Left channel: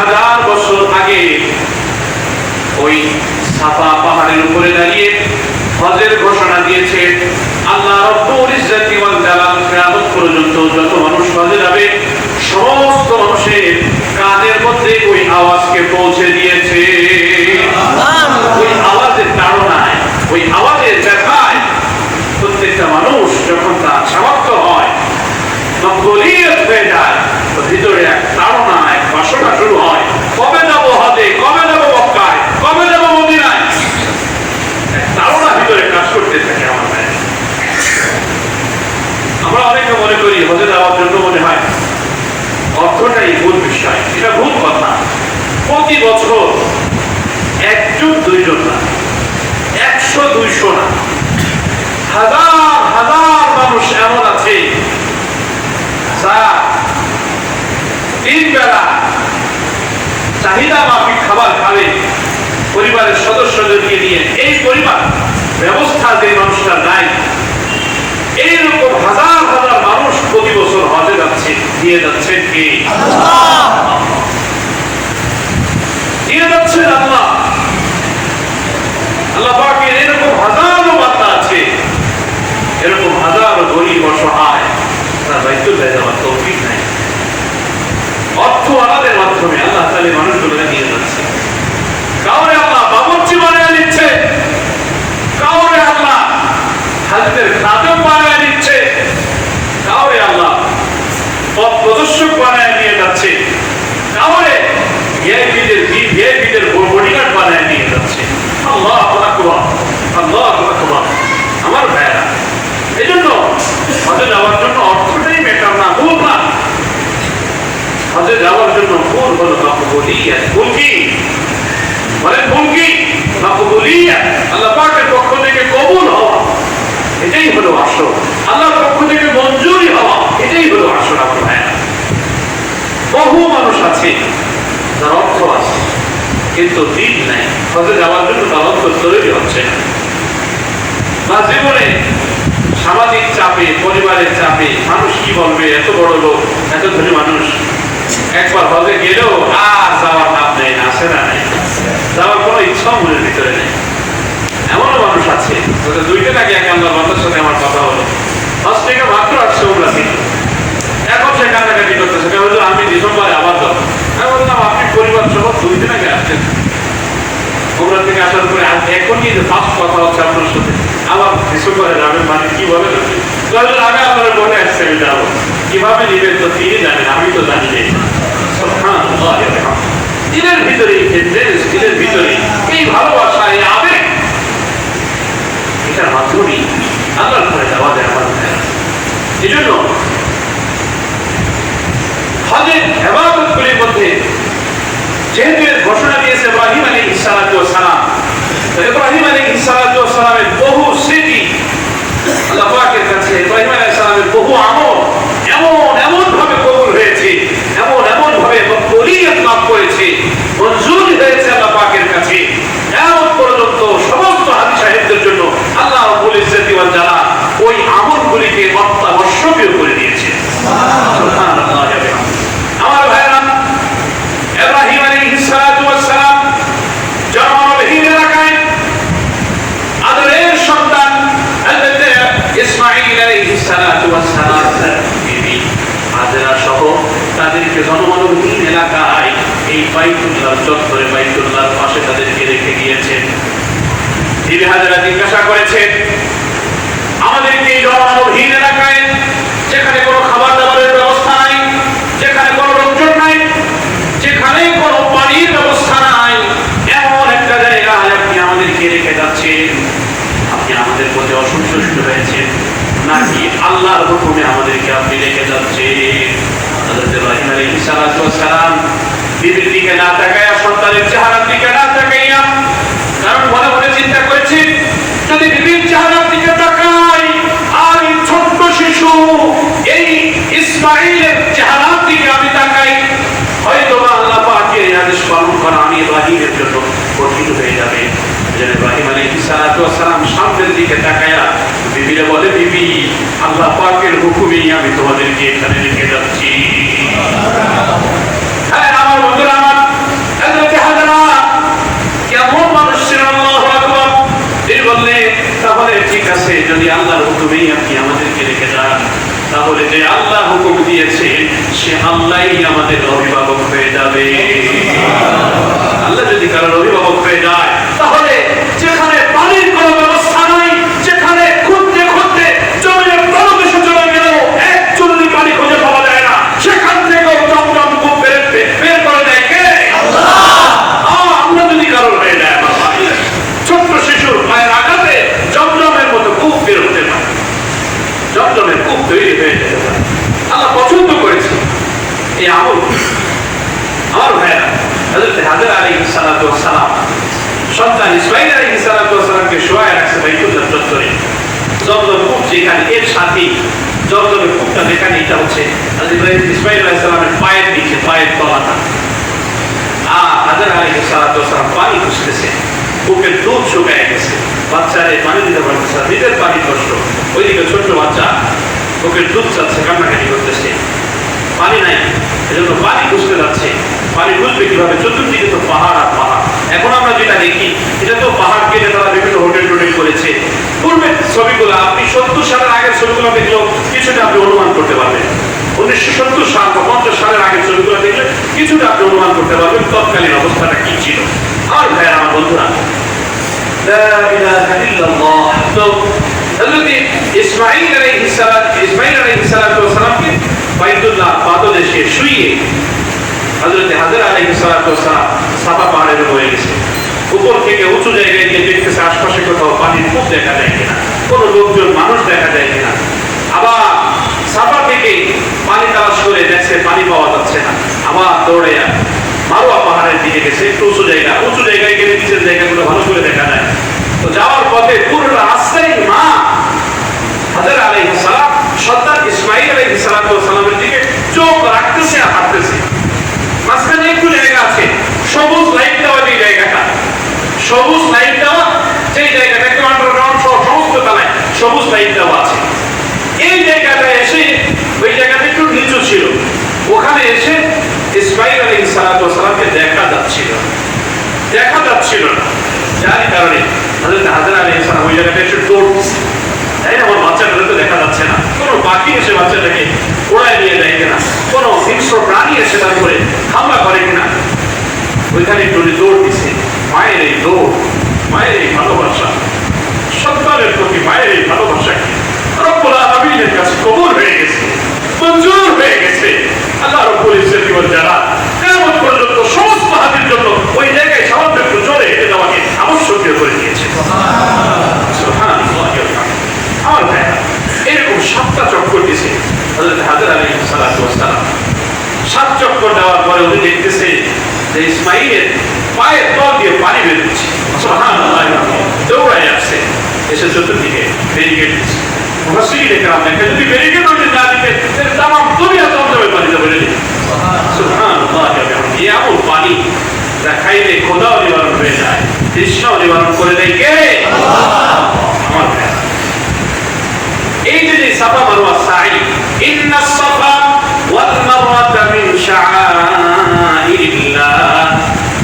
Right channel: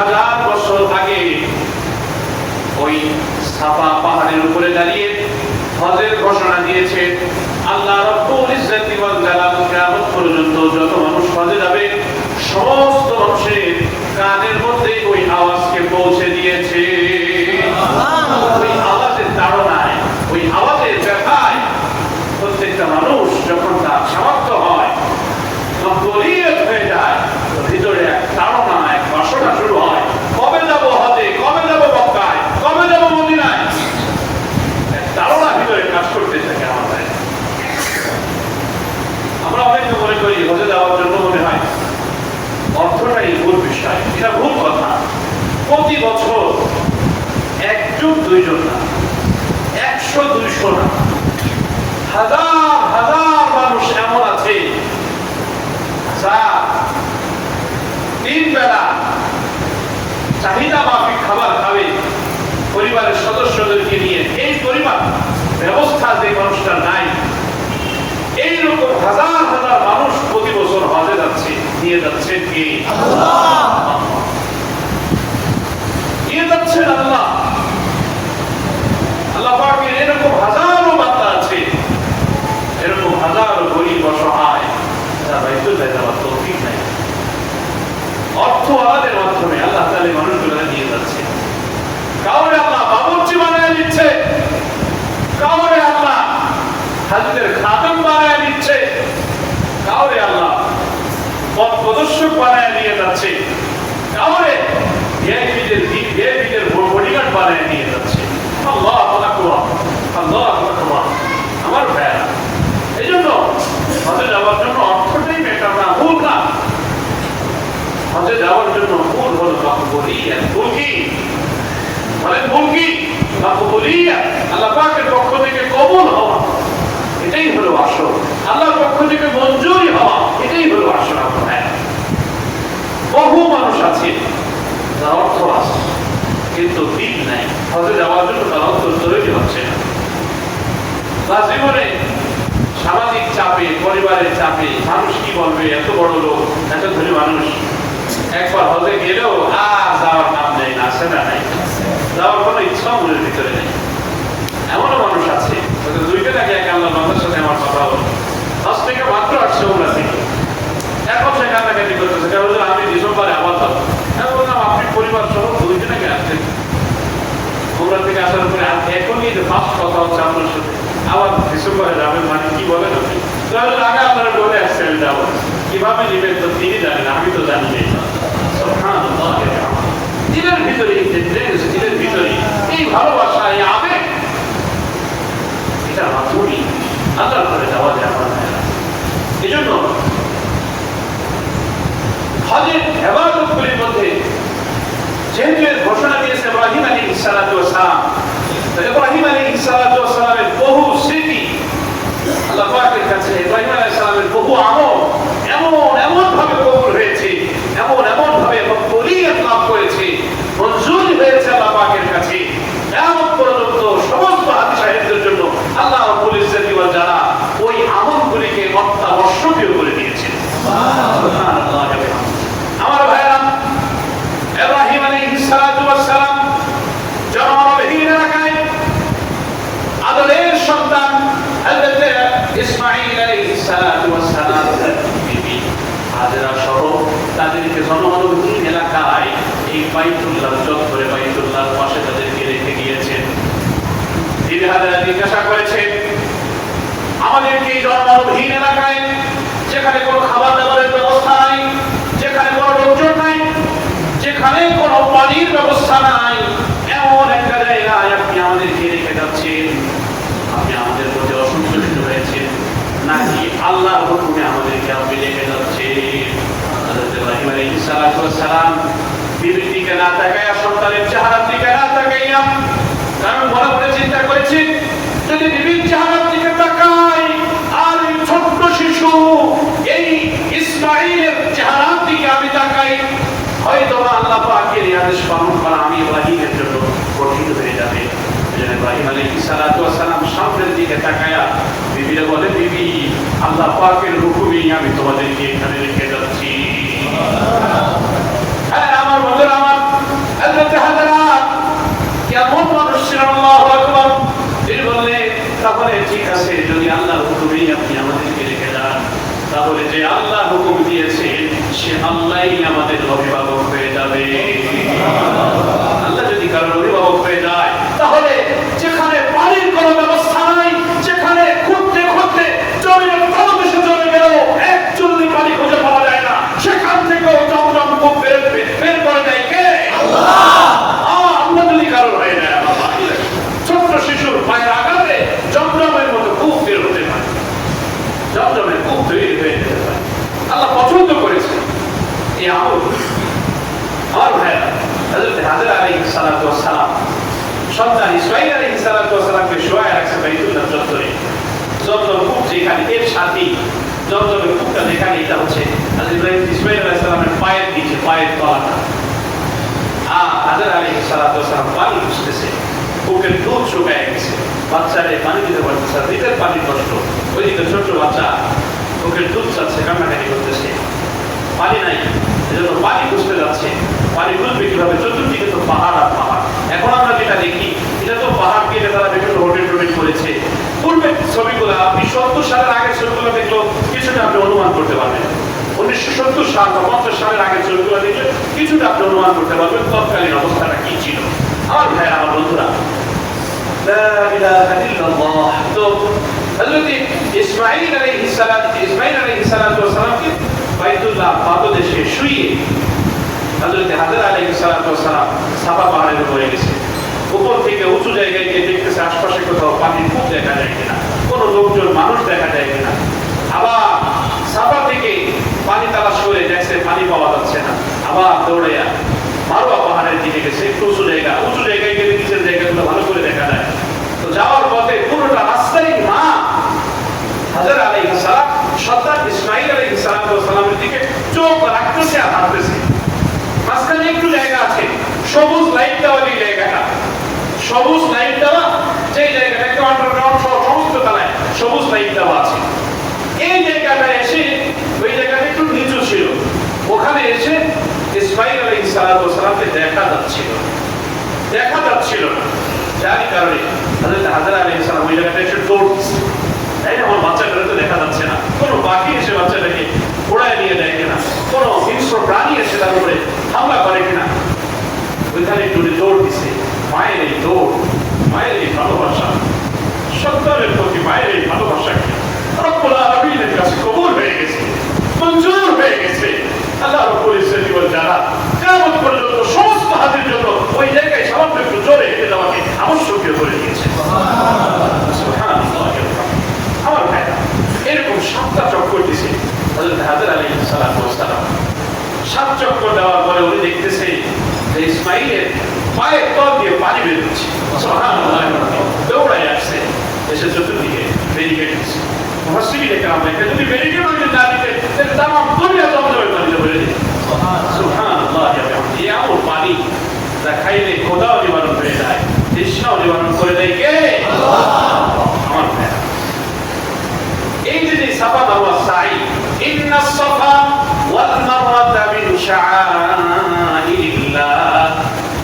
2000 বছর আগে ওই সাফা পাহাড়ের উপরে দাঁড়িয়ে হজের ঘোষণা দিয়েছে আল্লাহ রব্বুল ইজ্জতি ওয়াল জালাল। কিয়ামত পর্যন্ত যত মানুষ হজে যাবে সমস্ত মানুষের কানের মধ্যে ওই আওয়াজকে পৌঁছে দিয়েছে। ওই আওয়াজের তাড়নায়, ওই আওয়াজের ব্যথায় প্রত্যেকটা মানুষ যখন তার সামর্থ্য হয়, মকবুলিয়ত হয়ে যায়, ভিতরে এক তাড়না, এক বাসনা শুরু হয়, কবে যাব হজে, কবে যাব মক্কায়, কবে যাব মদিনায়। এক তাড়না ভিতরে কাজ করতে থাকে আমার ভাই। আমরা অনেকে মনে করি হজে যাওয়ার জন্য মনে হয় অর্থটাই ভুল বিষয়। এটা ভুল কথা। প্রতি বছর একজন দুইজন না, 100-200 না, হাজার হাজার মানুষ এমন আছে যা 3 বেলা চাহিদা মাফিক খাবার খাবে পরিবারের সদস্যদেরকে নিয়ে। এই পরিবার ব্যবস্থা যে মানুষটা নাই, এইরকম হাজার হাজার মানুষ প্রতি বছর হজে যাচ্ছে। দিয়ে যাচ্ছেন কি? দিয়ে যাচ্ছেন আল্লাহ। আল্লাহ পাকের এরকম হাজারো বান্দা আছে, এরকম হাজারো গরিব অসহায়, তারা বাইতুল্লাহ যাওয়ার তৌফিক নাই। অর্থ আমাদের মাধ্যমে আল্লাহ তাআলা মানুষগুলোকে নিয়ে যাচ্ছে। কাউরে আল্লাহ বাবুর্চি বানিয়ে দিচ্ছে, কাউরে আল্লাহ হাজদের খাদেম বানিয়ে দিচ্ছে, কাউরে আল্লাহ পথ প্রদর্শক বানিয়ে নিয়ে যাচ্ছে, কাউরে ভিআইপিদের বডিগার্ড বানিয়ে নিয়ে যাচ্ছে। আল্লাহু আকবার, আল্লাহু আকবার। আমার ভাইরা, এই জন্য হজে যাওয়ার জন্য অর্থটাই ম্যাটার না, ভুল না। হজে যাওয়ার জন্য ভুল হলো মাকবুলিয়াত। ভুল কি? বলেন ভুল কি? মাকবুলিয়াত, আল্লাহ পাকের পক্ষ থেকে কবুল হওয়া, এটাই হলো আসল। আল্লাহর পক্ষ থেকে মঞ্জুরি হওয়া, এটাই হলো আসল। আমার ভাইরা, বহু মানুষ আছে যার অর্থ আছে কিন্তু দিন নাই, হজে যাওয়ার জন্য তার অর্থ তৈরি হচ্ছে না। বা জীবনে সামাজিক চাপে, পরিবারের চাপে, মানুষ কি বলবে, এত বড় লোক, এত ধনী মানুষ, একবার হজে গেলেও আর যাওয়ার নাম নেই না, আসে না, নাই যাওয়ার কোনো ইচ্ছাও মনের ভিতরে নেই। এমনও মানুষ আছে, দুইটা নাকি এক আল্লাহ বান্দার সাথে আমার কথা হলো, হজ থেকে মাত্র আসছে ওমরা থেকে, এখন সে কান্নাকাটি করতেছে, আমি ডিসেম্বরে আবার যাবো। আপনি পরিবার সহ 2 দিন আগে আসছেন ওমরা থেকে আসার পরে এখনই যে ফার্স্ট কথা হচ্ছে আপনার সাথে, আবার ডিসেম্বরে যাবেন, মানে কি বলেন আপনি? আমি আপনার মনে আসছে আমি যাবো, কিভাবে নিবেন তো তিনি জানেন, আমি তো জানি না। দিনের ভিতরে দিনের ভিতরে এই ভালোবাসা, এই আবেগ, এটার মাধ্যমে আল্লাহর ঘরে যাওয়া যায় আমার। এই জন্য হজের ইবাদতগুলির মধ্যে যেহেতু এর ঘোষণা দিয়েছে ইব্রাহিম আলাইহিস সালাতু ওয়াস সালাম, ইব্রাহিম আলাইহিস সালাতু ওয়াস সালামের বহু স্মৃতি আল্লাহ পাকের কাছে, ইব্রাহিম আলাইহিস সালামের বহু আমল এমন ভাবে কবুল হয়েছে, এমন ভাবে মকবুলিয়ত লাভ করেছে, মঞ্জুরি হয়েছে আল্লাহ পাকের কাছে। এমন পর্যন্ত সমস্ত হাদীস সাহেবদের জন্য আল্লাহ রাব্বুল ইজ্জতি ওয়াল জালাল ওই আমলগুলিকে অত্যাবশ্যকীয় করে দিয়েছে। সুবহানাল্লাহ। আমার ভাইরা, ইব্রাহিম আলাইহিস সালাতু ওয়াস সালাম জনবহুল এলাকায় আদরের সন্তান হযরত ইসমাঈল আলাইহিস সালাতু ওয়াস সালাম বিবি হাজেরা সহ তাদেরকে জনবহুল এলাকায় এই বাইতুল্লাহ চত্বরে, বাইতুল্লাহর পাশে তাদেরকে রেখে গিয়েছেন। বিবি হাজেরা জিজ্ঞাসা করেছেন, আমাদেরকে এই জনবহুল এলাকায় যেখানে কোনো খাবার দাবারের ব্যবস্থা নাই, যেখানে কোনো লোকজন নাই, যেখানে কোনো পানির ব্যবস্থা নাই, এমন একটা জায়গায় আপনি আমাদেরকে রেখে যাচ্ছেন, আপনি আমাদের মধ্যে অসন্তুষ্ট হয়েছেন নাকি আল্লাহর হুকুমে আমাদেরকে আপনি রেখে যাচ্ছেন? হযরত ইব্রাহিম আলাইহিস সালাতু ওয়াস সালাম বিবির দিকে না তাকাইয়া, সন্তানের চেহারার দিকে না তাকাইয়া, কারণ মনে মনে চিন্তা করেছেন, যদি বিবির চেহারার দিকে তাকাই আর এই ছোট্ট শিশু এই ইসমাঈলের চেহারার দিকে আমি তাকাই, হয়তো আল্লাহ পাকের আদেশ পালন করা আমি ইব্রাহিমের জন্য কঠিন হয়ে যাবে। ইব্রাহিম আলাইহিস সালাতু ওয়াস সালাম সামনের দিকে তাকায়া বিবিরে বলে, বিবি, আল্লাহ পাকের হুকুমেই আমি তোমাদেরকে এখানে রেখে যাচ্ছি। হ্যাঁ আমার বন্ধুরা, হযরত হাজর আলাইহিস সালাতু ওয়াস সালাম সন্তান ইসমাঈল আলাইহিস সালাতু ওয়াস সালামকে শোয়ায় রাখছে বাইতুল্লাহ চত্বরে। জমজম কূপ যেখানে, এর সাথে জমজমের কূপটা যেখানে, এটা হচ্ছে হযরত ইসমাঈল আলাইহিস সালামের পায়ের নিচে, পায়ের তলাটা। হাজর আলাইহিস সালাতু ওয়াস সালাম পানি খুঁজতেছে, বুকের দুধ শুকায় গেছে, বাচ্চারে পানি দিতে পারতেছে না, নিজের পানি কষ্ট, ওইদিকে ছোট্ট বাচ্চা বুকের দুধ চাচ্ছে, কান্নাকাটি করতেছে, পানি নাই, এজন্য পানি খুঁজতে যাচ্ছে। পানি খুঁজবে কিভাবে? চতুর্দিকে তো পাহাড় আর পাহাড়। এখন আমরা যেটা দেখি, এটা তো পাহাড় কেটে তারা বিভিন্ন হোটেল টোটেল করেছে। পূর্বের ছবিগুলো আপনি 70 সালের আগের ছবিগুলো দেখলেও কিছুটা আপনি অনুমান করতে পারবেন। 1970 সাল বা 50 সালের আগের ছবিগুলো দেখলে কিছুটা আপনি অনুমান করতে পারবেন তৎকালীন অবস্থাটা কি ছিল। আর ভাইয়া আমার বন্ধুরা, লা ইলাহা ইল্লাল্লাহ। তো হযরত ইসমাঈল আলাইহিস সালাতু ওয়াস সালামকে বাইতুল্লাহ পাদদেশে শুইয়ে হযরত হাজর আলাইহিস সালাতু ওয়াস সালাম সাফা পাহাড়ের উপরে গেছে। উপর থেকে উঁচু জায়গায় গিয়ে দেখতেছে আশপাশে কোথাও পানির কূপ দেখা যায় কিনা, কোনো লোকজন মানুষ দেখা যায় কিনা। আবার সাফা থেকে পানি তালাশ করে দেখছে পানি পাওয়া যাচ্ছে না, আবার দৌড়াইয়া মারওয়া পাহাড়ের দিকে গেছে, একটু উঁচু জায়গায় গেলে নিচের জায়গাগুলো ভালো করে দেখা যায়। তো যাওয়ার পথে পুরোটা রাস্তায় মা হাজর আলাইহিস সালাম সন্তান ইসমাঈল আলাইহিস সালাতু ওয়াস সালামের দিকে চোখ রাখতেছে আর হাঁটতেছে। মাঝখানে একটু জায়গা আছে, সবুজ লাইট দেওয়া, যে জায়গাটা সবুজ লাইট দেওয়া, সেই জায়গাটা একটু আন্ডারগ্রাউন্ড সহ সমস্ত তলায় সবুজ লাইট দেওয়া আছে। এই জায়গাটা এসে, ওই জায়গাটা একটু নিচু ছিল, ওখানে এসে ইসমাঈল আলাইহিস সালাতু ওয়াস সালামকে দেখা যাচ্ছিল না। যার কারণে হযরত হাজর আলাইহিস সালাম ওই জায়গাটা এসে দৌড়ছে, তাই না, আমার বাচ্চাগুলোকে দেখা যাচ্ছে না, কোনো পাখি এসে বাচ্চাটাকে ওড়ায় নিয়ে যায় কিনা, কোনো হিংস্র প্রাণী এসে তার উপরে হামলা করে কিনা। ওইখানে একটু দৌড় দিছে। মায়ের এই দৌড়, মায়ের এই ভালোবাসা, সন্তানের প্রতি মায়ের এই ভালোবাসা কি রব্বুল আলামিনের কাছে কবুল হয়ে গেছে, মঞ্জুর হয়ে গেছে। আল্লাহ রব্বুল ইজ্জত ওয়াল জালাল কিয়ামত পর্যন্ত সমস্ত হাতের জন্য ওই জায়গায় সামান্য একটু জোরে হেঁটে যাওয়াকে আবশ্যকীয় করে দিয়েছে। সুবহানাল্লাহ। আমার ভাই, এরকম 7টা চক্কর দিছে হযরত হাজর আলাইহিস সালাতু ওয়াস সালাম। 7 চক্কর দেওয়ার পরে উনি দেখতেছে যে ইসমাঈলের পায়ের তল দিয়ে পানি বের হচ্ছে। সুবহানাল্লাহ। দৌড়ায় আসছে, এসে চতুর্দিকে ব্যারিকেড দিচ্ছে। মুফাসসিরিনে কেরাম দেখেন, যদি ব্যারিকেড হইতে না দিতেন তাহলে তামাম দুনিয়া জমজমের পানিতে ভরে যেত। সুবহানাল্লাহ। এমন পানি যা খাইলে ক্ষুধাও নিবারণ হয়ে যায়, তৃষ্ণাও নিবারণ করে দেয় কে? আমার ভাই, এই যে সাফা মারওয়া সাই, ইন্নাস সাফা ওয়াল মারওয়াতা মিন শাআইরিল্লাহ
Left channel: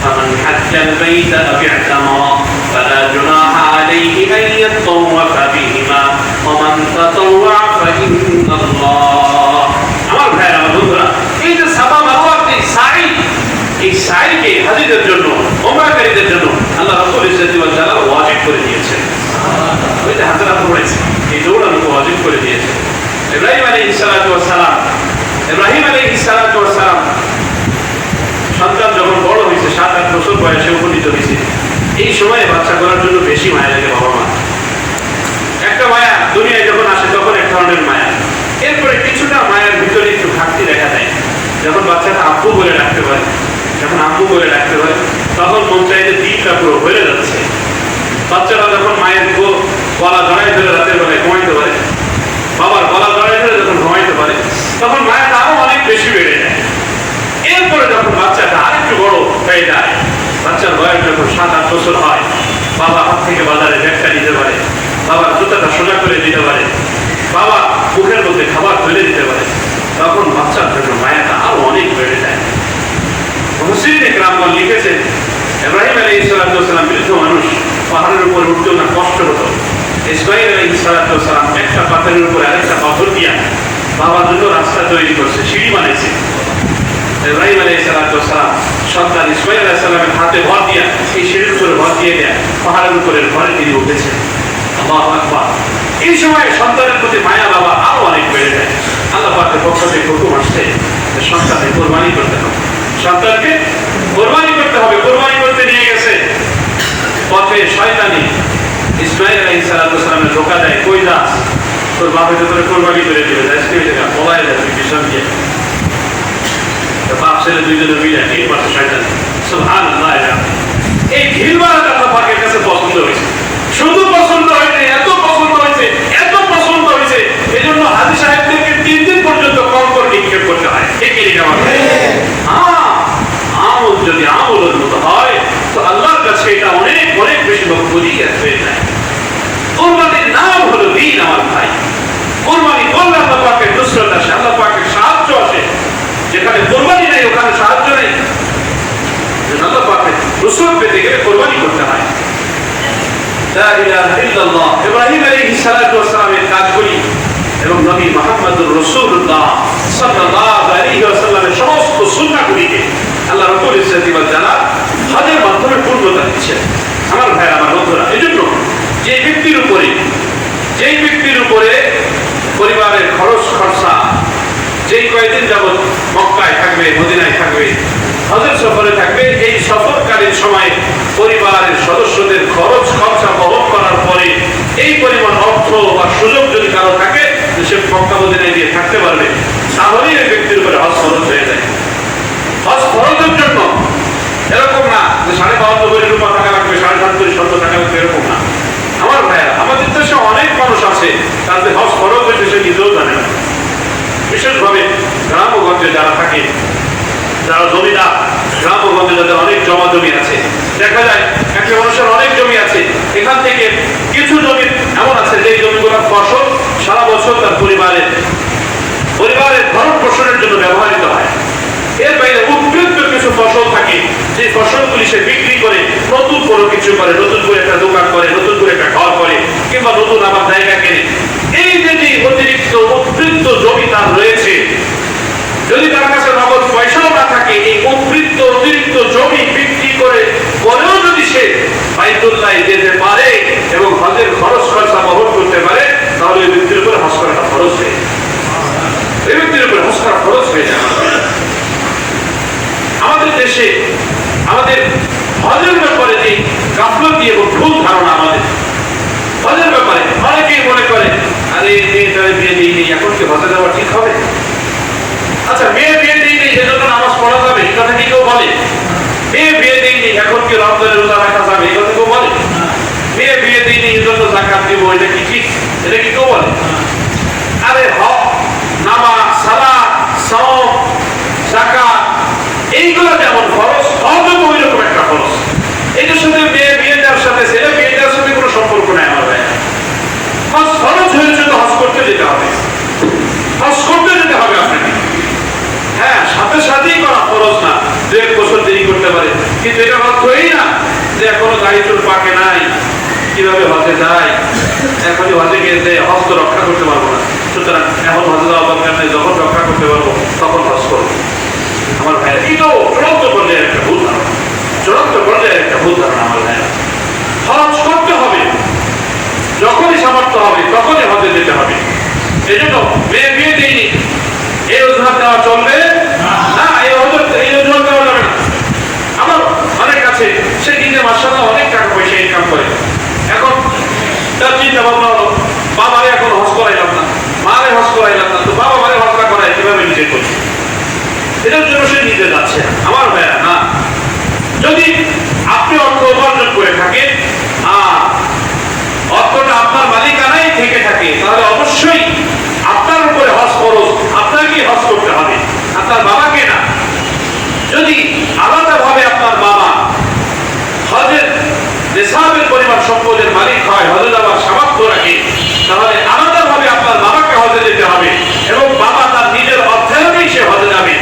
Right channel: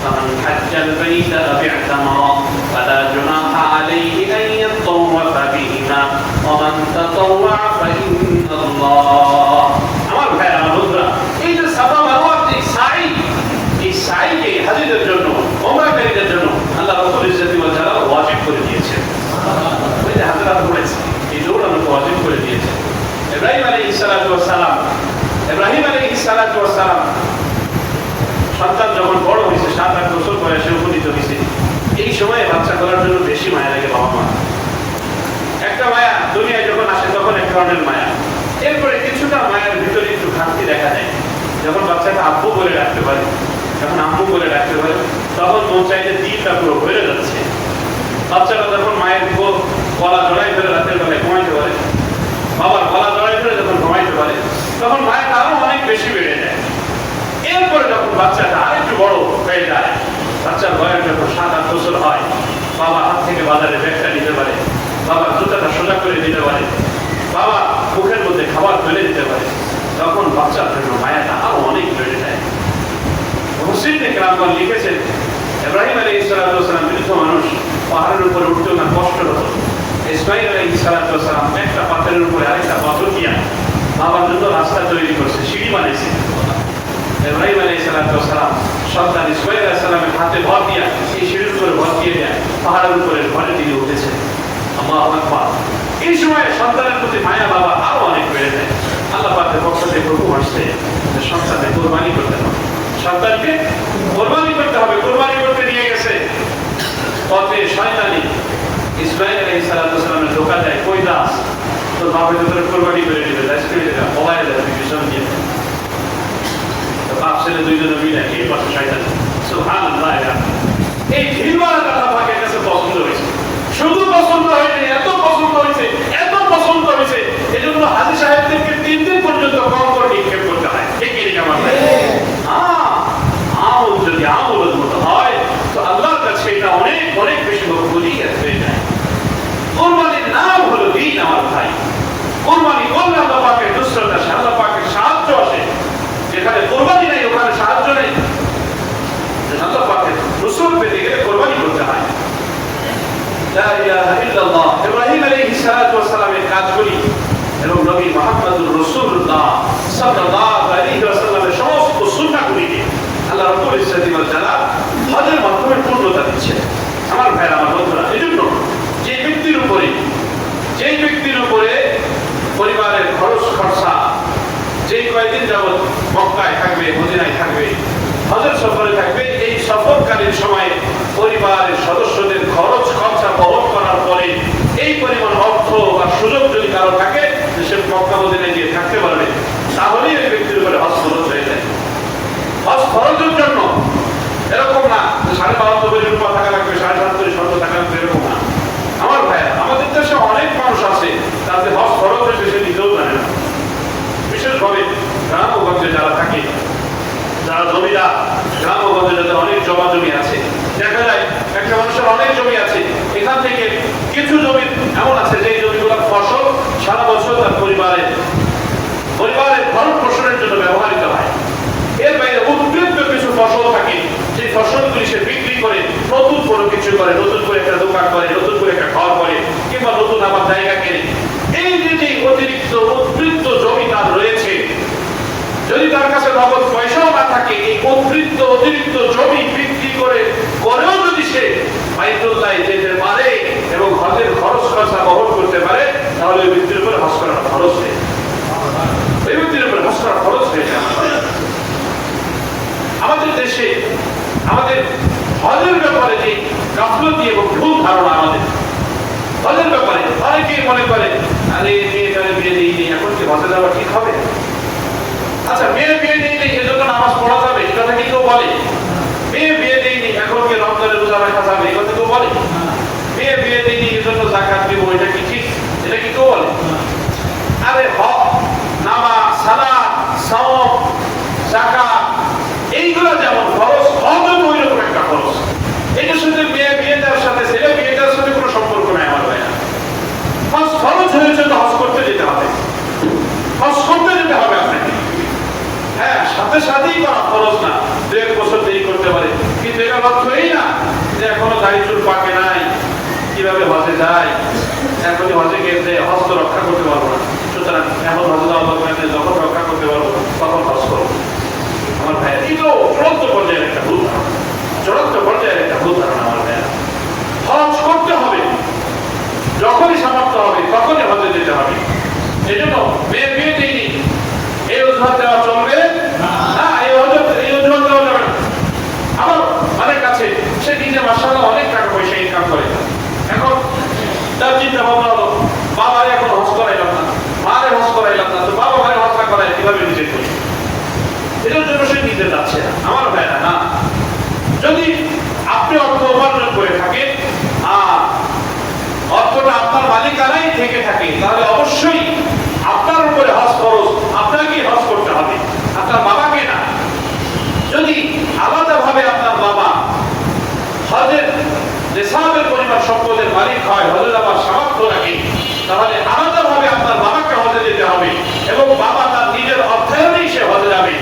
ফামান হাজ্জাল বাইতা আও ই'তামারা ফালা জুনাহা আলাইহি আন ইয়াতাওয়াফা বিহিমা ওয়া মান তাতাওয়া ফা ইন্নাল্লাহ। আমার ভাই, আমার বন্ধুরা, এই যে সাফা মারওয়ার এই সাইকে হাজীদের জন্য, ওমরাকারীদের জন্য আল্লাহ রাব্বুল ইজ্জত ওয়াল জালাল ওয়াজিব করে দিয়েছেন। ওই যে হাজরা পড়েছে, এই দৌড়ানোকে ওয়াজিব করে দিয়েছে। ইব্রাহিম আলাইহিস সালাতু ওয়াস সালাম সন্তান যখন বড় হয়েছে, 7-8 বছর বয়সে উপনীত হয়েছে, এই সময়ে বাচ্চাগুলোর জন্য বেশি মায়া লাগে বাবা মা। একটা মায়া দুনিয়ায় যখন আসে তখন এক ধরনের মায়া, এরপরে কিছুটা মায়ের ভিতরে একটু ঘাটতি দেখা দেয়। যখন বাচ্চাটা আব্বু বলে ডাকতে পারে, তখন মন চাই যে দিকটা পুরো ভরে যাচ্ছে। বাচ্চারা যখন মায়ের গলা জড়াই ধরে রাতের বেলায় ঘুমাইতে পারে, বাবার গলা জড়াই ধরে যখন ঘুমাইতে পারে, তখন মায়ের আরো অনেক বেশি বেড়ে যায়। এরপরে যখন বাচ্চাটা আরেকটু বড় হয়ে যায়, বাচ্চার বয়স যখন 7-8 বছর হয়, বাবা হাত থেকে বাজারে ব্যাগটা নিতে পারে, বাবার জুতাটা সোজা করে দিতে পারে, বাবা মুখের মধ্যে খাবার ফেলে দিতে পারে, তখন বাচ্চার জন্য মায়াটা আরো অনেক বেড়ে যায়। মুফাসসিরিনে কেরাম লিখেছেন, ইব্রাহিম আলাইহিস সালাম বৃদ্ধ মানুষ, পাহাড়ের উপরে উঠতেও না কষ্ট হতো। ইসমাঈল আলাইহিস সালাম একটা পাথরের উপরে আরেকটা পাথর দিয়া বাবার জন্য রাস্তা তৈরি করছে, সিঁড়ি বানাইছে। ইব্রাহিম আলাইহিস সালাম সন্তান ইসমাঈল আলাইহিস সালামের হাতে ভর দিয়া, এই সিঁড়ির উপরে ভর দিয়ে দেয়া পাহাড়ের উপরে ঘরে তিনি উঠেছেন। আল্লাহু আকবার। এই সময় সন্তানের প্রতি মায়া বাবা আরো অনেক বেড়ে যায়। আল্লাহ পাকের পক্ষ থেকে হুকুম আসছে সন্তানকে কোরবানি করতে হবে, সন্তানকে কোরবানি করতে হবে। কোরবানি করতে নিয়ে গেছে, পথে শয়তানি ইসমাঈল আলাইহিস সালামের ধোকা দেয়, কই যাস, তোর বাপের উপরে কোরবানি করে দেবে, পলায় যাবে পিছন দিয়ে। বাপ ছেলে দুইজনে মিলে এই পাশে শয়তানি সুবহানাল্লাহ। এই ভিড়ওয়ালাটা আল্লাহ পাকের কাছে পছন্দ হয়েছে, শুধু পছন্দ হয়েছে, এত পছন্দ হয়েছে, এত পছন্দ হয়েছে, এই জন্য হাজী সাহেবদেরকে 3 দিন পর্যন্ত কম করে নিক্ষেপ করতে হয়। ঠিক কি না? আমল যদি আমলের মতো হয় তো আল্লাহর কাছে এটা অনেক অনেক বেশি মকবুলি হয়ে যায়। কোরবানির নাম হলো দিন আমার ভাই। কোরবানি করলে আল্লাহ পাকের নুসরত আসে, আল্লাহ পাকের সাহায্য আসে। যেখানে কোরবানি নেই ওখানে সাহায্য নেই। আল্লাহ পাকের নুসরত পেতে গেলে কোরবানি করতে হয়। লা ইলাহা ইল্লাল্লাহ। ইব্রাহিম আলাইহিস সালাতু ওয়াস সালামের কাজ করি এবং নবী মুহাম্মদুর রাসূলুল্লাহ সাল্লাল্লাহু আলাইহি ওয়াসাল্লামের সমস্ত সুন্নাহগুলিকে আল্লাহ রাব্বুল ইজ্জতি ওয়াল জালাল হজের মাধ্যমে পূর্ণতা দিচ্ছেন। আমার ভাই, আমার বন্ধুরা, এজন্য যেই ব্যক্তির উপরে পরিবারের খরচ খরচা যেই কয়েকদিন যাবৎ মক্কায় থাকবে, মদিনায় থাকবে, হজের সফরে থাকবে, এই সফরকালীন সময়ে পরিবারের সদস্যদের খরচ খরচা বহন করার পরে এই পরিমাণ অর্থ বা সুযোগ যদি কারো থাকে যে সে মক্কা মদিনায় দিয়ে থাকতে পারবে, তাহলেই ওই ব্যক্তির উপরে হজ ফরজ হয়ে যায়। হজ ফরজের জন্য এরকম না যে 52 কোটি রূপা টাকা লাগবে, 7.5 কোটি স্বর্ণ টাকা লাগবে, এরকম না। আমার ভাইয়া, আমাদের দেশে অনেক মানুষ আছে তাদের হজ ফরজ হয়েছে সে নিজেও জানে না। বিশেষভাবে গ্রামগঞ্জে যারা থাকে, যারা জমিদার, গ্রামগঞ্জে যাদের অনেক জমা জমি আছে, দেখা যায় একটা মানুষের অনেক জমি আছে, এখান থেকে কিছু জমি এমন আছে যে জমিগুলোর ফসল সারা বছর তার পরিবারের ভরণ পোষণের জন্য ব্যবহৃত হয়। এর বাইরে উদ্বৃত্ত কিছু ফসল থাকে যে ফসলগুলি সে বিক্রি করে নতুন কোনো কিছু করে, নতুন করে একটা দোকান করে, নতুন করে একটা ঘর করে, কিংবা নতুন আবার জায়গা কেনে। এই যে অতিরিক্ত উদ্বৃত্ত জমি তার রয়েছে, যদি তার কাছে নগদ পয়সাও না থাকে, এই অতিরিক্ত জমি বিক্রি করে পরেও যদি সে বাইতুল্লাহে যেতে পারে এবং হজের খরচ খরচা বহন করতে পারে, তাহলে ওই ব্যক্তির উপরে হজ করাটা খরচ হয়ে যায়। ওই ব্যক্তির উপরে হজ করা খরচ হয়ে যায়। আমাদের দেশে আমাদের হজের ব্যাপারে যে গাফলতি এবং ভুল ধারণা, আমাদের হজের ব্যাপারে অনেকেই মনে করে আরে তাহলে বিয়ে দিইনি, এখন কি হজে যাওয়া ঠিক হবে? আচ্ছা, বিয়ে দিইনি এজন্য নামাজ পড়া যাবে, এই কথা কি কেউ বলে? বিয়ে দিইনি এখন কি রমজানের রোজা রাখা যাবে, এই কথা কেউ বলে? বিয়ে দিইনি এজন্য যাকাত দিব, এটা কি ঠিক? এটা কি কেউ বলে? আরে হজ, নামাজ, সালাত, সাওম, যাকাত এইগুলো যেমন খরচ, হজও তো ওইরকম একটা খরচ। এটার সাথে বিয়ে দেওয়ার সাথে ছেলে বিয়ে দেওয়ার সাথে কোনো সম্পর্ক নাই আমার ভাই। হজ খরচ হয়েছে তো হজ করতে যেতে হবে, হজ করতে যেতে হবে আপনাকে। হ্যাঁ, সাথে সাথেই করা খরচ না, 2-1 বছর দেরি করতে পারে, কিন্তু এটা অর্থই না যে এখনো গাড়ি চোট পাকে নাই, কিভাবে হজে যায়, এখনই হজে গিয়ে হজ তো রক্ষা করতে পারবো না, সুতরাং এখন হজে যাওয়া দরকার নেই, যখন রক্ষা করতে পারবো তখন হজ করবো। আমার ভাইরা, এটাও চূড়ান্ত পর্যায়ের একটা ভুল ধারণা, আমার ভাইরা। হজ করতে হবে, যখনই সামর্থ্য হবে তখনই হজে যেতে হবে। এই জন্য বিয়ে দিইনি এই অজুহাত দেওয়া চলবে না, এই অজুহাত দেওয়া যাবে না। আমার অনেক কাছে সে দিনে মাশাআল্লাহ অনেক টাকা পয়সা ইনকাম করে, এখন তার চিন্তা ভাবনা হলো বাবারে এখন হজ করাইলাম না, মারে হজ করাইলাম না, তো বাবা মারে হজ না করাই কিভাবে নিজে করি, এটার জন্য সে নিজে যাচ্ছে। আমার ভাইরা, না, যদি আপনি অর্থ উপার্জন করে থাকেন আর অর্থটা আপনার মালিকানায় থেকে থাকে, তাহলে অবশ্যই আপনার উপরে হজ ফরজ, আপনাকেই হজ করতে হবে, আপনার বাবাকে না। যদি আলাদাভাবে আপনার বাবা হজের নিসাবের পরিমাণ সম্পদের মালিক হয়, হজে যাওয়ার সামর্থ্য রাখে, তাহলে আলাদাভাবে আপনার বাবাকে হজে যেতে হবে এবং বাবা তার নিজের অর্থায়নেই সে হজে যাবে।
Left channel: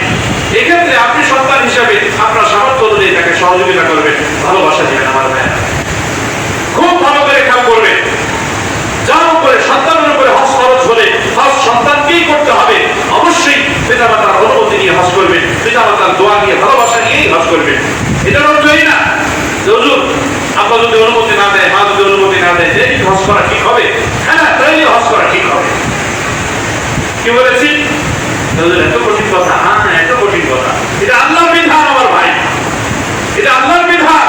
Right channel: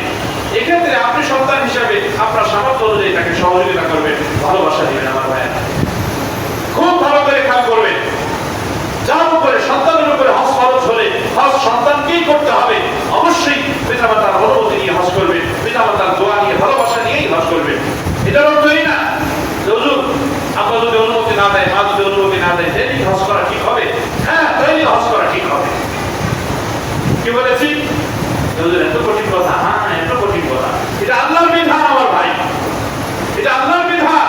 এক্ষেত্রে আপনি সন্তান হিসেবে আপনার সামর্থ্য অনুযায়ী তাকে সহযোগিতা করবেন, ভালোবাসা দিবেন। আমার ভাইয়েরা, খুব ভালো করে খেয়াল করবেন, যার উপরে সন্তানের উপরে হজ খরচ হলে হজ সন্তানকেই করতে হবে। অবশ্যই পিতামাতার অনুমতি নিয়ে হজ করবেন, পিতামাতার দোয়া নিয়ে, ভালোবাসা নিয়েই হজ করবেন। এটার অর্থই না হুজুর আপনার যদি অনুমতি না দেয়, মা যদি অনুমতি না দেয়, এই হজ করা ঠিক হবে। হ্যাঁ, তাইলে হজ করা ঠিক হবে। কি বলেছি? এত কঠিন কথা? হ্যাঁ, এত কঠিন কথা। এটা আল্লাহর বিধান আমার ভাই, এটা আল্লাহর বিধান।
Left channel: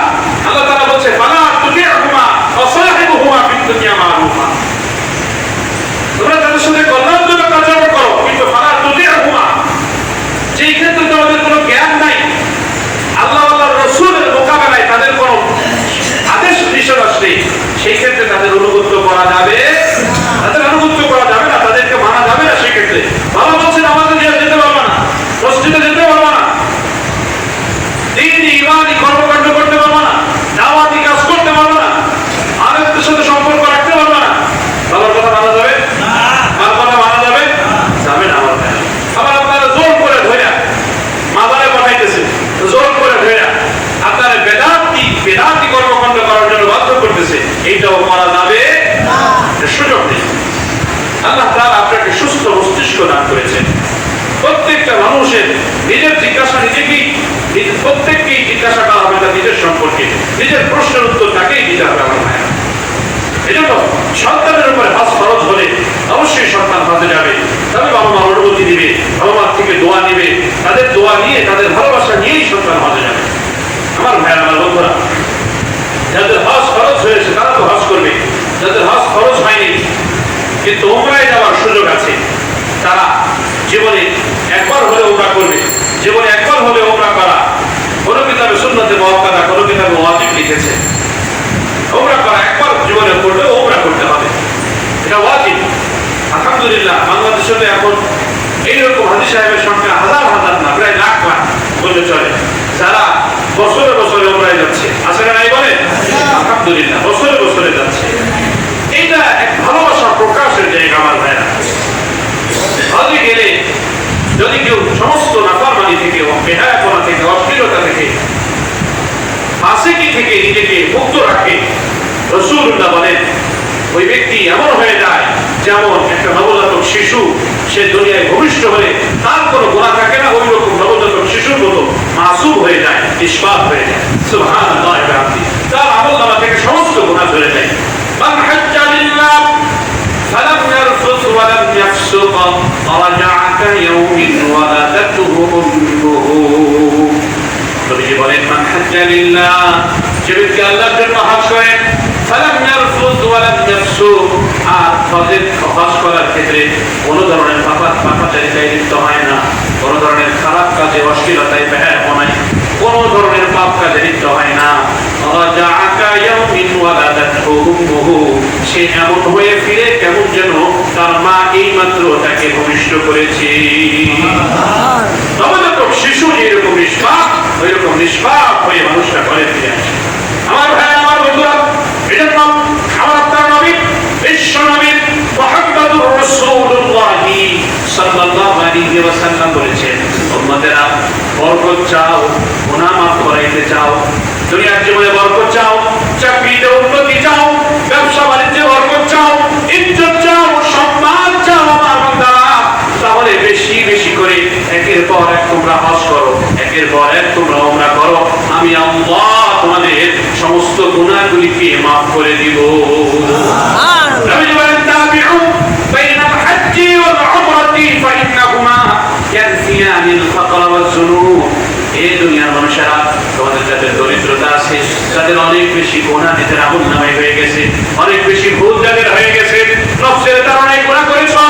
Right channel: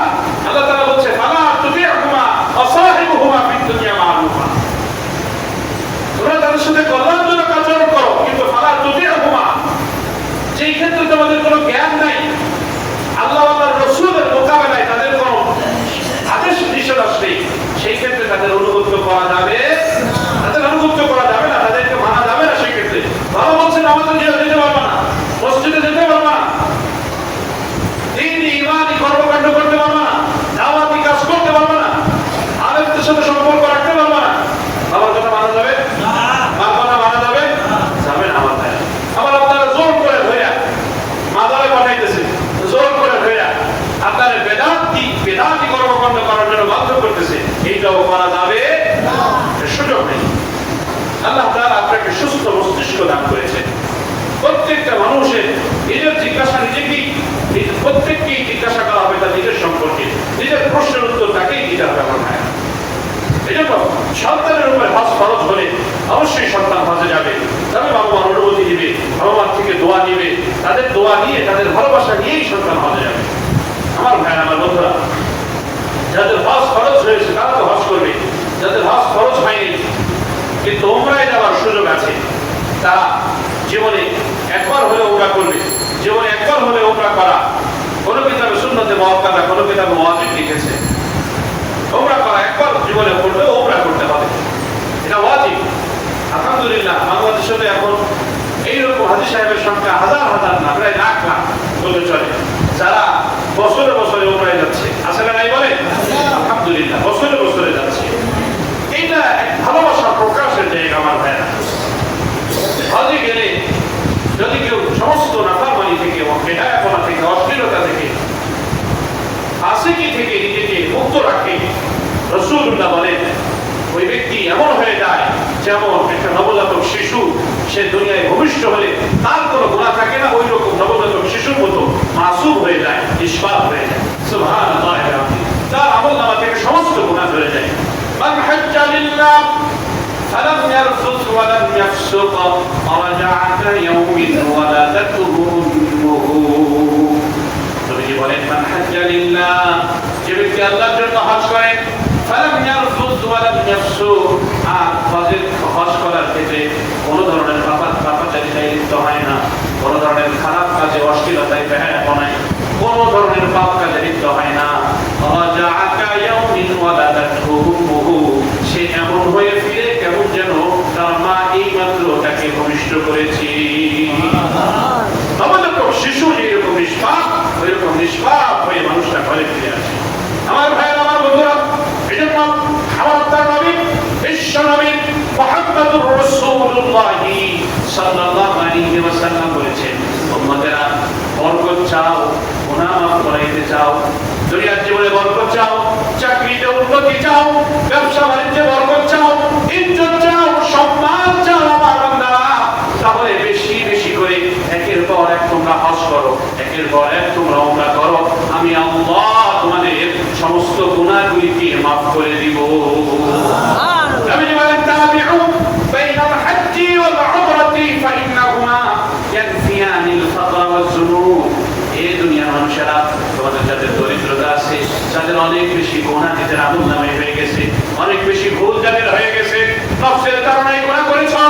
আল্লাহ তাআলা বলছে ফালা তুতি'হুমা ওয়া সাহিবহুমা ফিদ দুনিয়া মারুফা, তোমরা তাদের সাথে কল্যাণজনক আচরণ করো, কিন্তু ফালা তুতি'হুমা, যেই ক্ষেত্রে তোমাদের কোনো জ্ঞান নাই, আল্লাহ আল্লাহর রাসূল ইমানি কর্মকাণ্ড করতে পারবো না, দাওয়াতি কাজ করতে পারবো না, আলেমদের সাথে সম্পর্ক রাখতে পারবো না। বাবার কথা মানা যাবে? মার কথা মানা যাবে? যাবে না আমার ভাই। আবার আপনারা জোর করে ধরে মাদারে পাঠাইতেছে, জোর করে ধরে আপনারা বেদাতি কর্মকাণ্ড করার জন্য বাধ্য করতেছে, এইটাও করা যাবে না, সুযোগ নেই। আল্লাহ তাআলা আপনাকে সুস্থ মস্তিষ্ক দান করেছে। প্রত্যেকটা মানুষের নিজের জিজ্ঞাসা নিজেকেই, প্রত্যেককেই জিজ্ঞাসা করা হবে তার নিজের সম্পর্কে, নিজের প্রশ্নের উত্তর তাকেই দিতে হবে আমার ভাই। এই জন্য সন্তানের উপরে হজ ফরজ হলে অবশ্যই সন্তান হজে যাবে, তবে বাবা মা অনুমতি দিবে, বাবা মার থেকে দোয়া নিবে, তাদের দোয়া নিয়ে তাদের ভালোবাসা নিয়েই সন্তান হজে যাবে। আমার ভাই আমার বন্ধুরা, যাদের হজ ফরজ হয়েছে তারা তো হজ করবে, যাদের হজ ফরজ হয়নি কিন্তু উমরায় যাওয়ার সুযোগ আছে তারা জীবনে একবার হলে উমরা করবে। জীবনে একবার হলে উমরা করা কোনো কিতাবে সুন্নাতে মুআক্কাদা, কোনো কিতাবে ওয়াজিব লিখেছে। উমরা করা একবার জীবনে করলে উমরা করতে হবে, এটা ওয়াজিব। আলহামদুলিল্লাহ বাংলাদেশে এখন এইরকম হাজী সাহেবের সংখ্যা হাজার হাজার না, প্রায় লাখ লাখ বলতে চলে, যারা বছরে বছরে উমরায় যাচ্ছে। আছে না নাই বলেন? আলহামদুলিল্লাহ বছরে বছরে যাচ্ছে। এইটা এক ভালোবাসার প্রকাশের জায়গা আমার ভাইরা। হজে গেলে যদি কেউ সমস্ত নাফরমানি থেকে, বেহায়াপনা থেকে, অশ্লীলতা থেকে, ফাসিকি থেকে নিজেকে মুক্ত রাখে, রাসূলুল্লাহ বলেন ওই ব্যক্তি এমন হয়ে যায় যেমন একটা নবজাতক শিশু। সে দুনিয়ায় ভূমিষ্ঠ হলে তার কোনো গুনাহ থাকে না, ওই রকম নবজাতক শিশুর মতো মাসুম হয়ে যায়, নিষ্পাপ হয়ে যায়। সুবহানাল্লাহ, তার আমলনামা থেকে সমস্ত গুনাহ ঝরে যায়। মান হাজ্জা লিল্লাহ ফালাম ইয়ারফুস ওয়ালাম ইয়াফসুক রাজা'a কায়াউমিন ওয়ালাদাতুহু উম্মুহু। নবীজি বলেন মান হাজ্জা লিল্লাহ, যে ব্যক্তি আল্লাহর জন্য হজ করে, ফালাম ইয়ারফুস ওয়ালাম ইয়াফসুক, আর হজ করার ক্ষেত্রে কোনো ধরনের পাপাচারিতায় লিপ্ত হয় না, কোনো ধরনের খারাপ কাজে, অশ্লীলতায়, বেহায়াপনায়, কোনো ধরনের পাপ কাজে লিপ্ত হয় না, রাজা'a কায়াউমিন ওয়ালাদাতুহু উম্মুহু, সে এমন হয়ে ফিরে কেমন যেন তার মা এই মাত্র তাকে ভূমিষ্ঠ করেছে। নবজাতক শিশু যেরকম নিষ্পাপ, ওই রকম নিষ্পাপ হয়ে মানুষটা ঘরে ফিরে আসে। আমার ভাই আমার বন্ধুরা, এজন্য আমার আপনার নবী, বিশ্ব নবী মুহাম্মদুর রাসূলুল্লাহ সাল্লাল্লাহু আলাইহি ওয়াসাল্লাম বলেছেন, উম্মতেরা বরকত চাও, গুনাহ মাফ করাইতে চাও, দুনিয়ার জীবনে বরকত চাও, চাকরিতে উন্নতি চাও, ব্যবসা বাণিজ্যে বরকত চাও, ইজ্জত চাও, সম্মান চাও আমার বান্দারা, তাহলে বেশি বেশি করে একের পর এক তোমরা হজ করো, একের পর এক তোমরা উমরা করো, আমি আল্লাহ তোমাদের সমস্ত গুনাহগুলিকে মাফ করে দিব। নবী বলেন তাবিউ বাইনাল হাজ্জি ওয়াল উমরাতি ফাইন্নাহুমা ইয়ানফিয়ানিল ফাকর ওয়াজ যুনুব। এই দুনিয়ার মানুষেরা, তোমাদের যাদের দরিদ্রতা আছে, যাদের অনেক বেশি গুনাহ নিজের আমলনামায় হয়ে গেছে, অনেক বেশি ভুল যাদের হয়ে গেছে, নফসের তাড়নায় গুনাহ করেছো,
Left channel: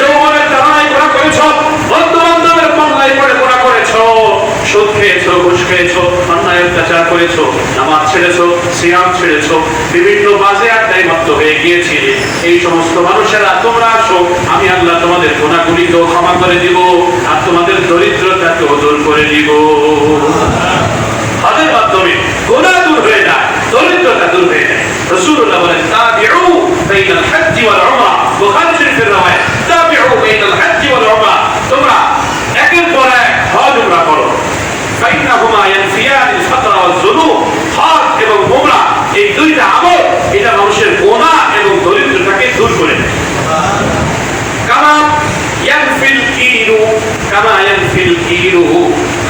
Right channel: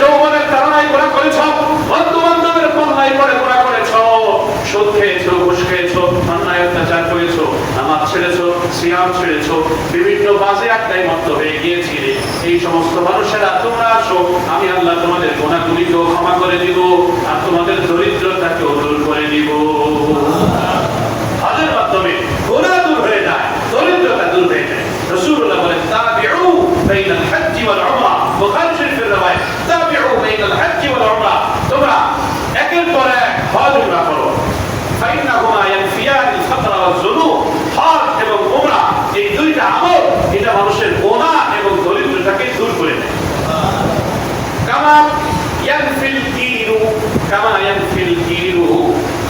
যৌবনের তাড়নায় গুনাহ করেছো, বন্ধু বান্ধবের পাল্লায় পড়ে গুনাহ করেছো, সুদ খেয়েছো, ঘুষ খেয়েছো, অন্যায় অত্যাচার করেছো, নামাজ ছেড়েছো, সিয়াম ছেড়েছো, বিভিন্ন বাজে আড্ডায় মত্ত হয়ে গিয়েছিলে, এই সমস্ত মানুষেরা তোমরা আসো, আমি আল্লাহ তোমাদের গুনাহগুলিকেও ক্ষমা করে দিব, আর তোমাদের দরিদ্রতাকেও দূর করে দিব। হজের মাধ্যমে গুনাহ দূর হয়ে যায়, দরিদ্রতা দূর হয়ে যায়। রাসূলুল্লাহ বলেন তাবিউ বাইনাল হাজ্জি ওয়াল উমরা, বুখারী শরীফের রওয়ায়াত, তাবিউ বাইনাল হাজ্জি ওয়াল উমরা, তোমরা একের পর এক হজ উমরা করো, ফাইন্নাহুমা ইয়ানফিয়ানিল ফাকর ওয়াজ যুনুব। হজ এবং উমরা এই দুইটা আমল, এটা মানুষের গুনাহ এবং দরিদ্রতাকে দূর করে দেয়। কামা ইয়ানফিল কিরু, কামা ইয়ানফিল কিরু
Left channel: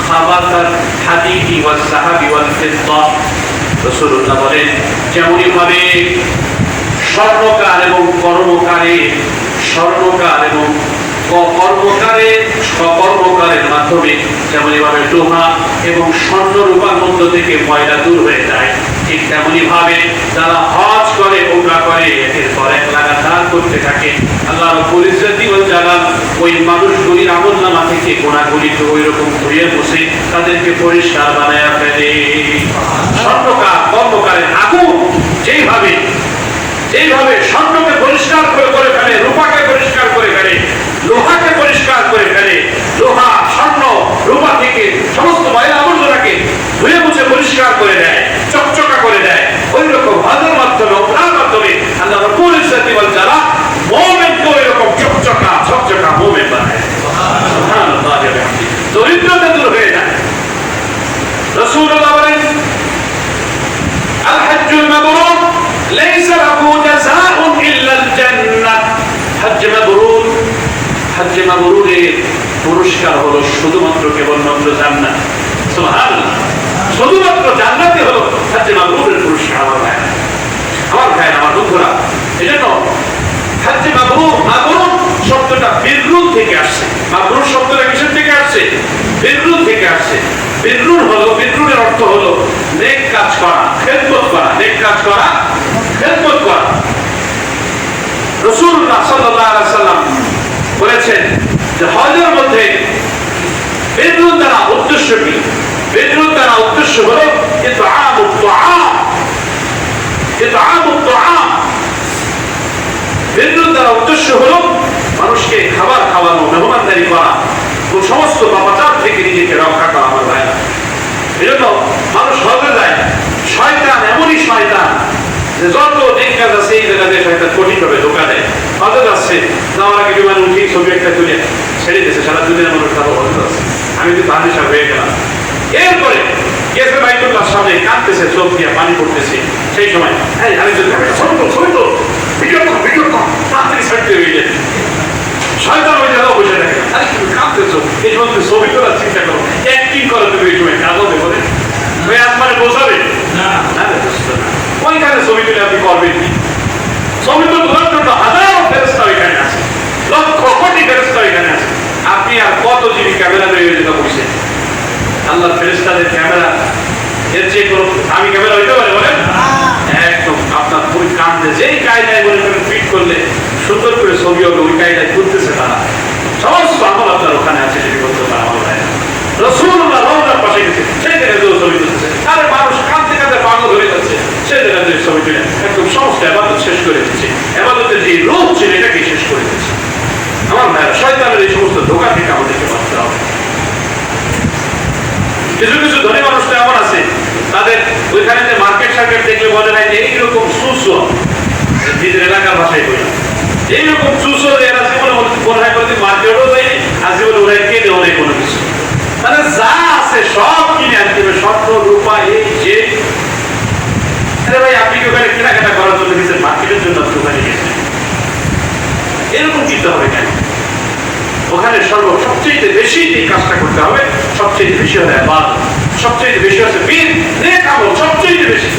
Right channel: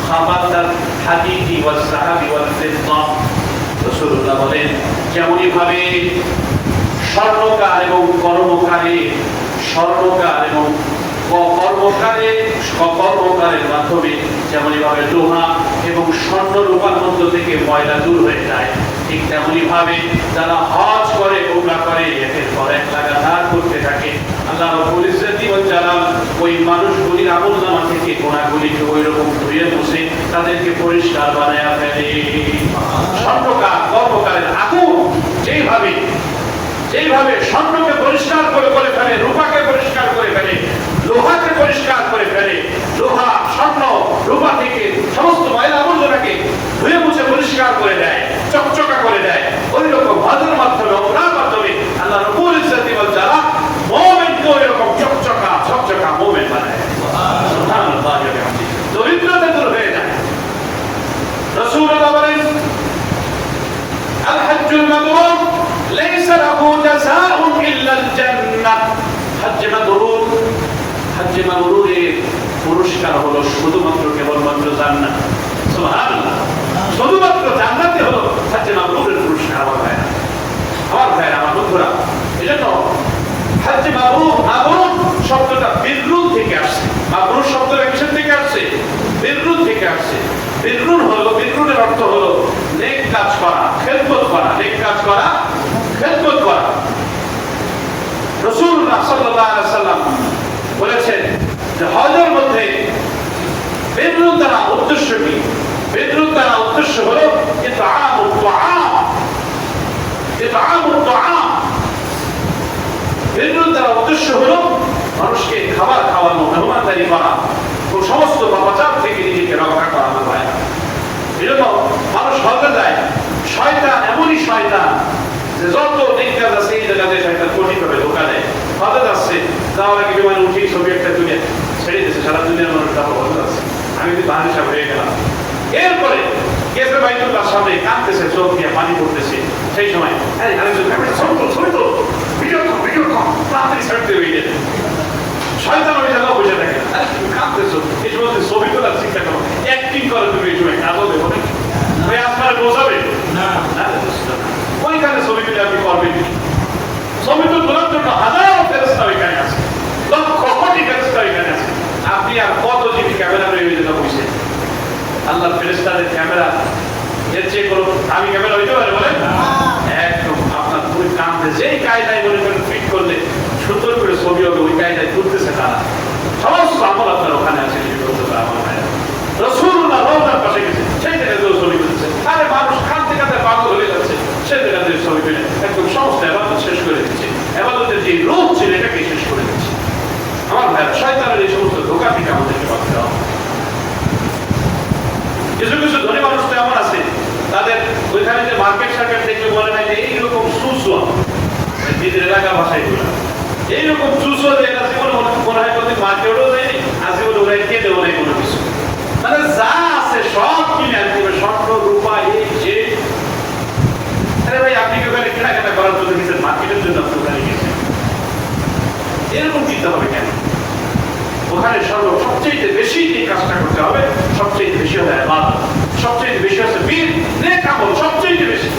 খাবাতাল হাদিদি ওয়াল যাহাবি ওয়াল ফিদ্দা। রাসূলুল্লাহ বলেন যেমনি ভাবে স্বর্ণকার এবং কর্মকারের মাধ্যমে যেমনি ভাবে লোহা এবং স্বর্ণ রূপার মধ্য থেকে ময়লা দূর হয়ে যায়, ঠিক তেমনি ভাবে যারা হজ করে, উমরা করে, একের পর এক লাগাতার করতে থাকে, আল্লাহ রাব্বুল ইজ্জতি ওয়াল জালাল ওই মানুষগুলির আমলনামা থেকে গুনাহগুলিকে ওই রকম ধুয়ে মুছে তাদেরকে পরিষ্কার বানায়া ফেলে। স্বর্ণকার, কর্মকারের আগুন যেইভাবে স্বর্ণকে পরিষ্কার করে ফেলে, রূপাকে পরিষ্কার করে ফেলে, লোহাকে পরিষ্কার করে ফেলে, লোহা, স্বর্ণ, রূপা থেকে সমস্ত ময়লা আবর্জনাকে ধুয়ে মুছে পরিষ্কার করে দেয়, চকচকা করে দেয়। ওই রকম হজের মাধ্যমে ওপরার মাধ্যমে আল্লাহ রাব্বুল ইজ্জতি ওয়াল জালাল মুমিনকে ওই রকম চকচকা মুমিন বানায়। সুবহানাল্লাহ ওয়া বিহামদিহি। দরিদ্রতা দূর হয়ে যায়। রাসূলুল্লাহ বলেন আল হজ্জুল মাবরুর লাইসা লাহু জাযাউন ইল্লাল জান্নাহ। হজ্জে মাবরুরের পুরস্কার হলো শুধুমাত্র কেবলমাত্র জান্নাত। সুবহানাল্লাহ। শুধুমাত্র জান্নাতই হলো হজ্জে মাবরুরের পুরস্কার। আমার ভাই আমার বন্ধুরা, এজন্য হজ্জে মাবরুর শব্দটা বিররুন থেকে আসছে। মাবরুর শব্দটা কিসের থেকে আসছে? বিররুন থেকে আসছে। বিররুনের অর্থ হলো নেক কাজ করা, খেদমত করা। নেক কাজ করা, খেদমত করা। রাসূলুল্লাহ সাল্লাল্লাহু আলাইহি ওয়াসাল্লাম বলেছেন যে হজের মধ্যে বিররুন দ্বারা উদ্দেশ্য কি? বিররুন দ্বারা উদ্দেশ্য হলো ইতআমুত তুআম। বিররুন দ্বারা উদ্দেশ্য হলো মানুষকে খাবার খাওয়ানো, মেহমানদারি করা ও সমস্ত পাপাচার থেকে নিজেকে রক্ষা করা। আমার ভাইরা, এজন্য মানুষ হজে যায়, শয়তান এমনই শয়তান যে যত দিক কাজ আছে এই জায়গাতে শয়তান কঠিনভাবে ধোঁকা দেয়। হজে যাচ্ছে, যাওয়ার আগে বিমানে উঠে ছবি একটা তুলে ছেড়ে দিয়েছে, সারা দুনিয়ার মানুষ যাবো হজে যাচ্ছে, আমি কিন্তু তাহার হিসাব হয়ে গেলাম। এরপরে গেছে বাইতুল্লাহর সামনে, কাঁদতেছে, চোখ দিয়ে পানি পড়তেছে। সেই সময় তাড়াতাড়ি ছাড়তে হয়ে যায়। শয়তান ওই জায়গায় বসে থাকে, আরে তুমি কাঁদতেছো, এই সময় তুমি ছবি তোলার চিন্তা করো, অ্যাক্টিং করো। তুমি এই সময় কাঁদতে বলে ভাই আসমানে বোঝাবে না, ওইখানে ছবি তুলে আপনি করবেন কি? ছবি তো তোলার জন্য হাজারো ফেরেশতা ওইখানে আছে, লক্ষ কোটি ফেরেশতা ওইখানে আছে। আপনি আর কত জিবি ক্যামেরা তৈরি হয়ে যেতে বসে? আল্লাহর ফেরেশতাদের ক্যামেরা এর চেয়ে কোনো দামি ক্যামেরা হইতে পারে বলেন? একদম আপনার খুবই কাঁদতে, যেই কায়দায় মনে করেন ফিট করলে সুন্দর করে ছবি হবে, ওই কায়দায় তুলতেছে তারা। সমস্ত আমল আপনার ওখানে আছে, যদি করতে পারে আমার ভাই। রাসূলুল্লাহ রওজার পাশে গেছে, সেই জায়গায় ছবি তুলতেছে। আরে মানুষ কাঁদতে কাঁদতে পাগল হয়ে যাচ্ছে, সেই জায়গায় ছবি তুলে একদম সমস্ত ইবাদত শেষ করে দিচ্ছে। ইবাদতের যে রূপ ছিল এটাকে শেষ করে দিচ্ছে। আমার ভাই, শয়তানের এই সমস্ত ধোঁকা থেকে আমাদেরকে বাঁচতে হবে। কিছু কিছু ধনী মানুষ তো এমন আছে, তাদের ওইখানে যে মার্কেট সার্কেট দেখলে মনে হয় যে এইরকম চুষো, নিজের এলাকার ভাষায় বললাম, এইরকম চুষো এরা জীবনে মনে হয় কোনোদিন মার্কেটও দেয়নি, আর জীবনে ওরা কে দেওয়া নেই কোনো কিছু। মানে যা আছে সব কিনে আনতে হবে, স্বর্ণ রূপা এই যে। আরে ভাই, আপনি কি ওখানে কেনাকাটা করার জন্য গেছেন? মার্কেটের জন্য আপনি ওখানে গেছেন? এরকম চিন্তা হবে কেন? ওখানে সবচেয়ে বেশি যে কাজটা করতে হবে, সবচেয়ে বেশি হয় ইবাদত, সবচেয়ে বেশি হচ্ছে বীর নেক আমল, সবচেয়ে বেশি।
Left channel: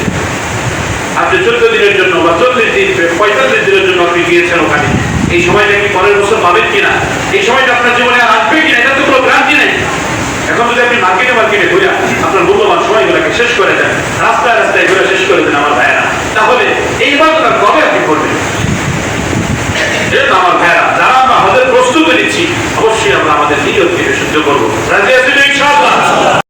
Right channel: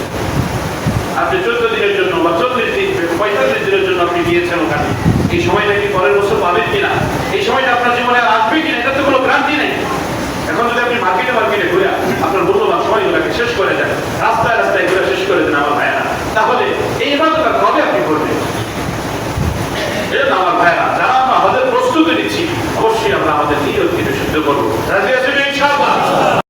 আপনি 14 দিনের জন্য বা 40 দিন 45 দিনের জন্য আপনি গিয়েছেন ওখানে, এই সময়টা কি পরের বছর পাবেন কিনা, এই সময়টা আপনার জীবনে আর আসবে কিনা, এটা তো কোনো গ্যারান্টি নেই। এখন যদি আপনি মার্কেটে ঘুরে